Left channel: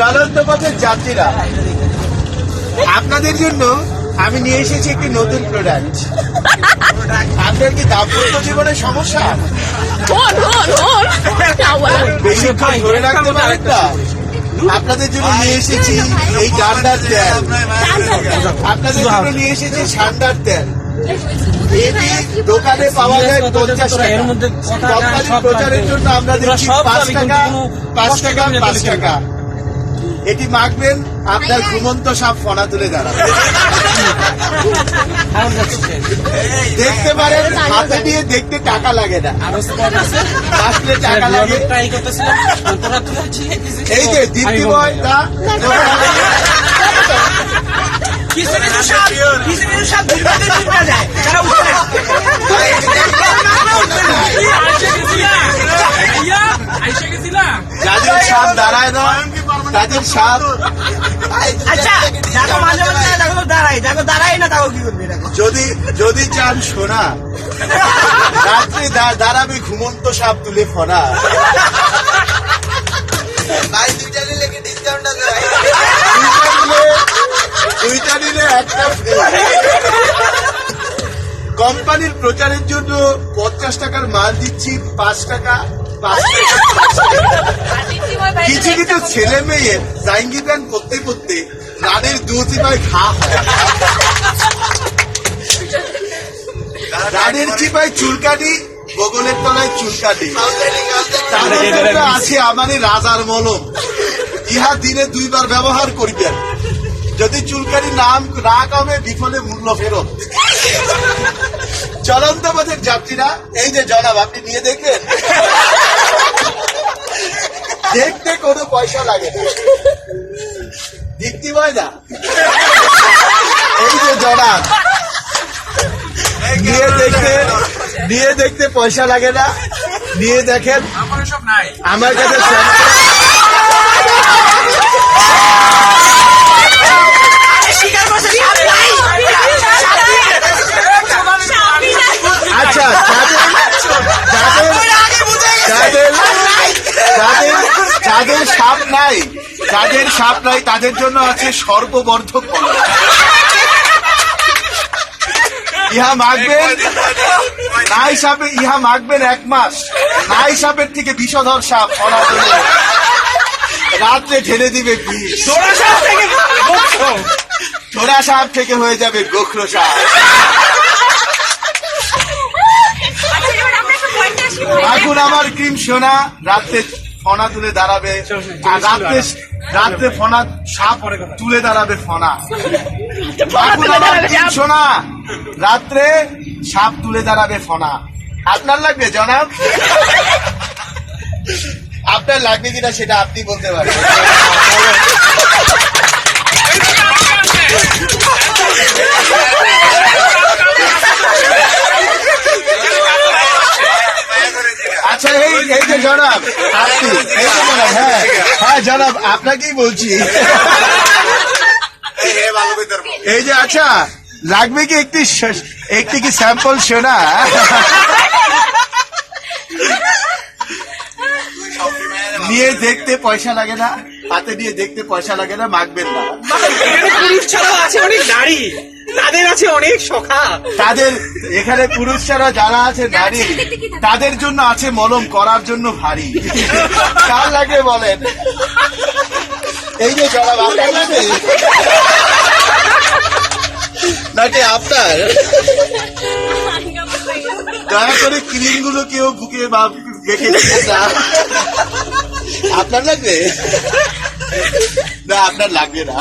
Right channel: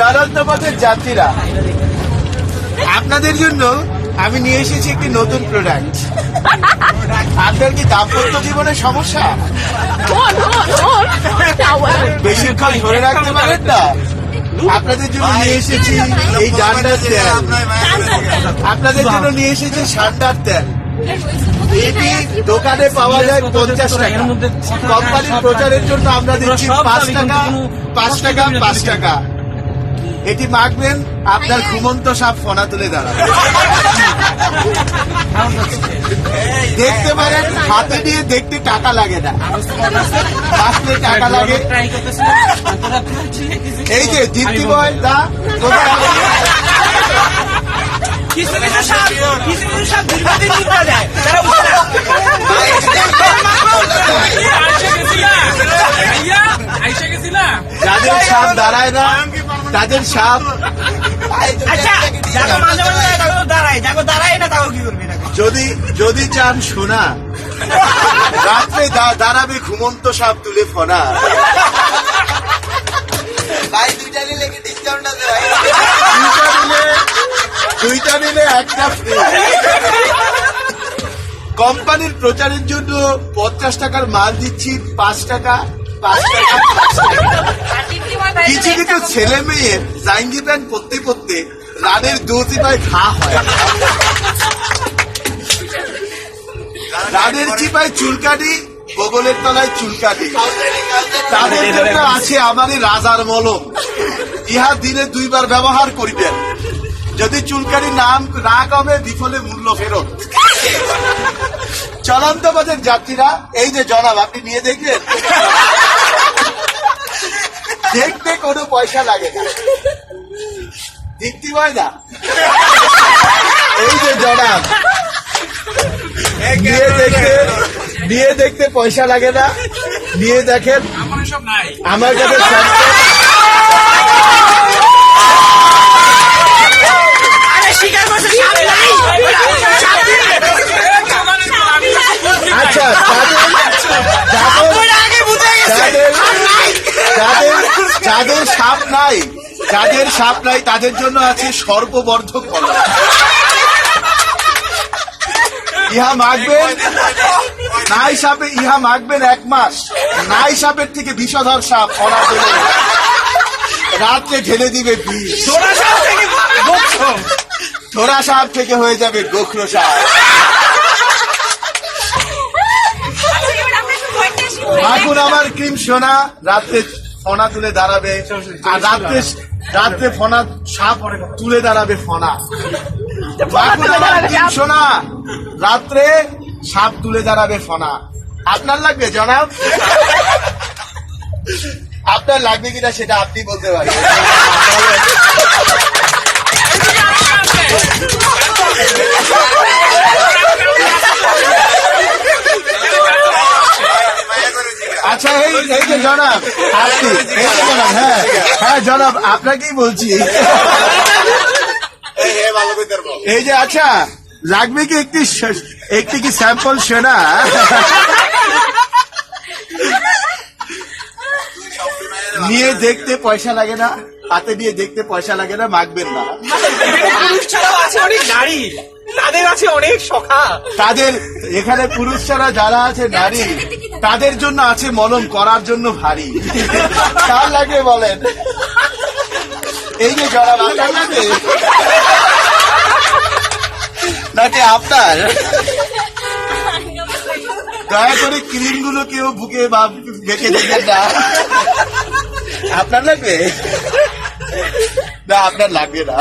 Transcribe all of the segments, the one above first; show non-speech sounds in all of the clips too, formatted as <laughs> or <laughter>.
চলন্ত পথের যাত্রীরা আপনাদের জন্য আমি নিয়ে এসেছি একটি নতুন প্রোডাক্ট আপনার কি দাম্পত্য জীবনের সমস্যা! বেশিক্ষণ ধরে রাখতে পারেন না। আপনাদের জন্য নিয়ে এসেছি এই ডান্ডার তেল। আপনাদের জন্য নিয়ে এসেছি সান্ডার তেল। এটি দোকানে পাওয়া যায় পঞ্চাশ টাকা। এর মধ্যে কথা কোম্পানির প্রচারের জন্য আমরা দিচ্ছি পাঁচ টাকা পাঁচ টাকা পাঁচ টাকা। এটি মাখবেন আপনার ঘুমন্ত সাপ ফনা তুলে দাঁড়াবে। দেখতে পারেন হাতে দিয়ে দেখতে টাকা লাগে না। আসলে টাকা লাগে। এই যে দীপ্তি বয় দা। কিছু কিছু সব কিছু কিছু সাপ দাঁড়ায় না তাদের আচ্ছা তো দাঁড়ায় না কি করবে এটাকে যদি যদি চান সোনা রাত্রে দাঁড়াবে ঘুমন্ত সাপ তুলে ফনা। দুইটা নিলে একটা কোম্পানির প্রচারের জন্য পঞ্চাশ টাকার মাল দিচ্ছি পাঁচ টাকা। কিছু কিছু <laughs> ছেলে মেয়ে জাইঙ্গি প্যান্ট পরতে পরতে রানের দুটি পায় ঘা হয়। রানের চিপায় চুলকানি বগলের তলায় চুলকানি। তাদের জন্য আছে আমারই রাজার মলম। ইহা দিনে দুইবার ব্যবহার করিবেন। যদি চুলকানি নাম না কমে বিফলে মূল্য ফেরত। চলন্ত পথের যাত্রীরা এই যে জনাব আপনি নিয়ে দেখবেন। দেখতে কোনো পয়সা লাগে না। দীপ্তি হয় না এই যে জনাব নিয়ে দেখতে নিয়ে দেখতে পয়সা লাগে না। নিয়ে দেখেন আমার কাছে সাপ নাই। যাদের সাপ নাই তাদের জন্য আছে সর্ববর্ধক কলা ইহা মাখবেন নাই সাপে ইহা মাখবেন এক মাস। নাই সাপের থেকে বিষধর সাপ ফলা রাত্রে ঢেলে দিবে বিষ। সাপ থেকে ছোড়া সাপ থেকে হয়ে যাবে গোখরো সাপ। এখন আমার ক্রিম সোনা। রাত্রে ফনা তুলে দাঁড়াবে। রাত্রে রাত্রে ফনা সাপ তুলে দাঁড়াবে ফনা। সোনা রাত্রে সাপ তুলে দাঁড়াবে ফনা। আপনার লাগবে জনাব? আপনার লাগবে কিনা সেটা আপনি বলতে পারেন আচ্ছা এই এই যে জনাব আপনি হ্যাঁ হ্যাঁ জনাব, আপনাকেই বলছি। এই যে আচ্ছা লাগবে কি একটি একটি কি স্যাম্পল সেনা? নিয়ে দেখতে পয়সা লাগে না, হাতে নিয়ে দেখতে পয়সা লাগে না, মাখবেন না। পুরুষ ছাড়াও আছে অনেক নারী। তাদের আছে অনেক সখা। তাদের এখানে পুরুষ ছাড়া যারা আছে নারী তাদের জন্য আছে মলম করার জন্য ভারী। কার লাগে বলেন? এই যে লাগে? নাকি আপনার? দয়া করে ক্রিমগুলো কেউ বুকে বা দেবেন না। আপনার লাগবে? না আপনার লাগবে না।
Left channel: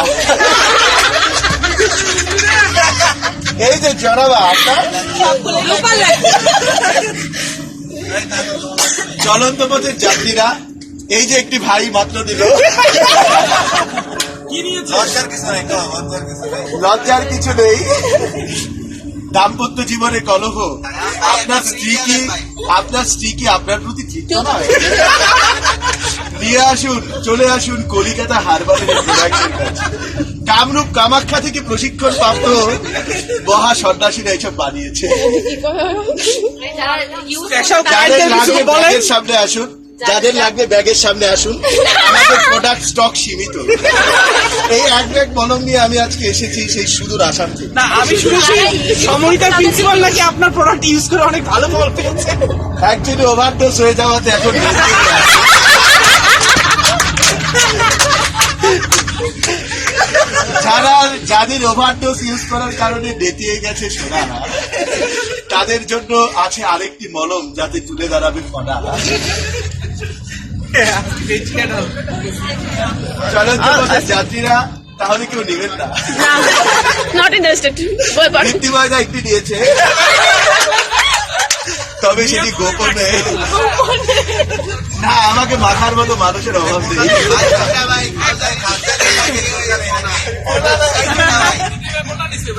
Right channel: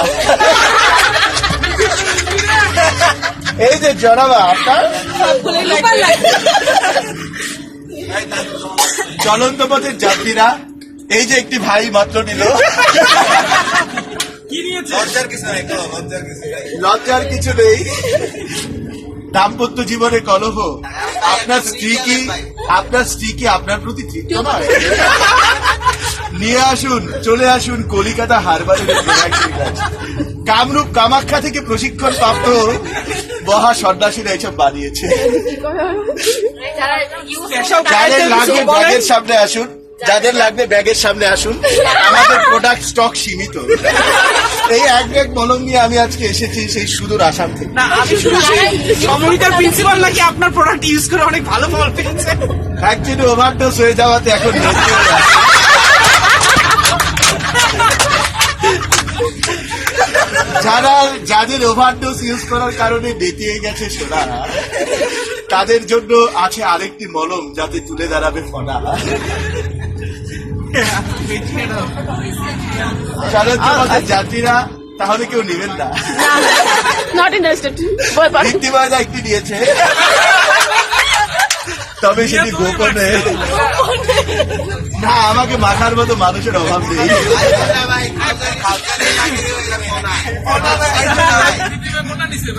এই যে জনাবা আপনার? চলন্ত পথের যাত্রীরা এই যে একটি ভাই মাত্র দিল লজ্জার কিছু নেই দাম্পত্য জীবনের কলহ। আপনার স্ত্রী কি আপনার স্ত্রী কি আপনার প্রতি তৃপ্ত নয়? নিয়ে আসুন চলে আসুন কলিকাতা হারবারের প্রোডাক্টের কামরূপ কামাখ্যা থেকে প্রশিক্ষণ প্রাপ্ত মহা সন্ন্যাসীরা এইসব বানিয়েছে। সামনে আসুন যাদের লাগবে ব্যাগের সামনে আসুন আমাদের প্রোডাক্ট স্টক সীমিত। এই এক ব্যাগ মলম নিয়ে আমি আজকে এসেছি সেই সুদূর আসাম থেকে। না আমি শুনেছি সমরিতার প্রিন্সিপাল নাকি আপনার প্রোডাক্ট ইউজ করে অনেক ভালো ফল পেয়েছে। অ্যাকচুয়ালি ওভারডোজ হয়ে যাওয়াতে এখন নেচে আছে। যারা যাদের ওভারডোজ ইউজ করার কারণে বেঁতিয়ে গেছে সোনা তাদের জন্য আছে আরেকটি মলম যাতে তুলে দাঁড়াবে ফনা যাত্রীরা তাহলে কেউ নেবেন না। নট ইন্টারেস্টেড বই ভিত্তি ময়দা একটি নিয়েছে। তবে সেটি গোপনে। না আমাকে মাথার মতো মানুষের অভাব নেই।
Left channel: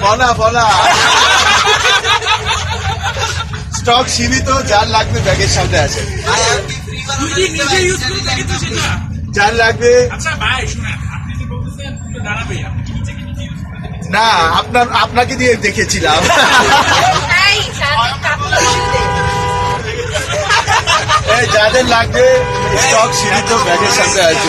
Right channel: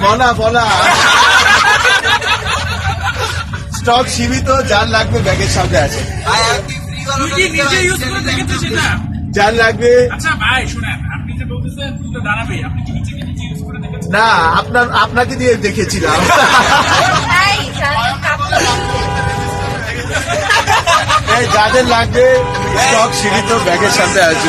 বলা বলা। স্টক সীমিত যার লাগবে ব্যাগের সামনে আছে। যার লাগবে আচ্ছা ভাই শুনেন আপনি যে বলতেছেন দাঁড়াবে। আপনি কি নিজে কি ইউজ করে না আপনার আপনাকে দিয়ে দেখেছিলাম। এই যাদের লাগবে স্টক সীমিত ব্যাগের সাথে আছে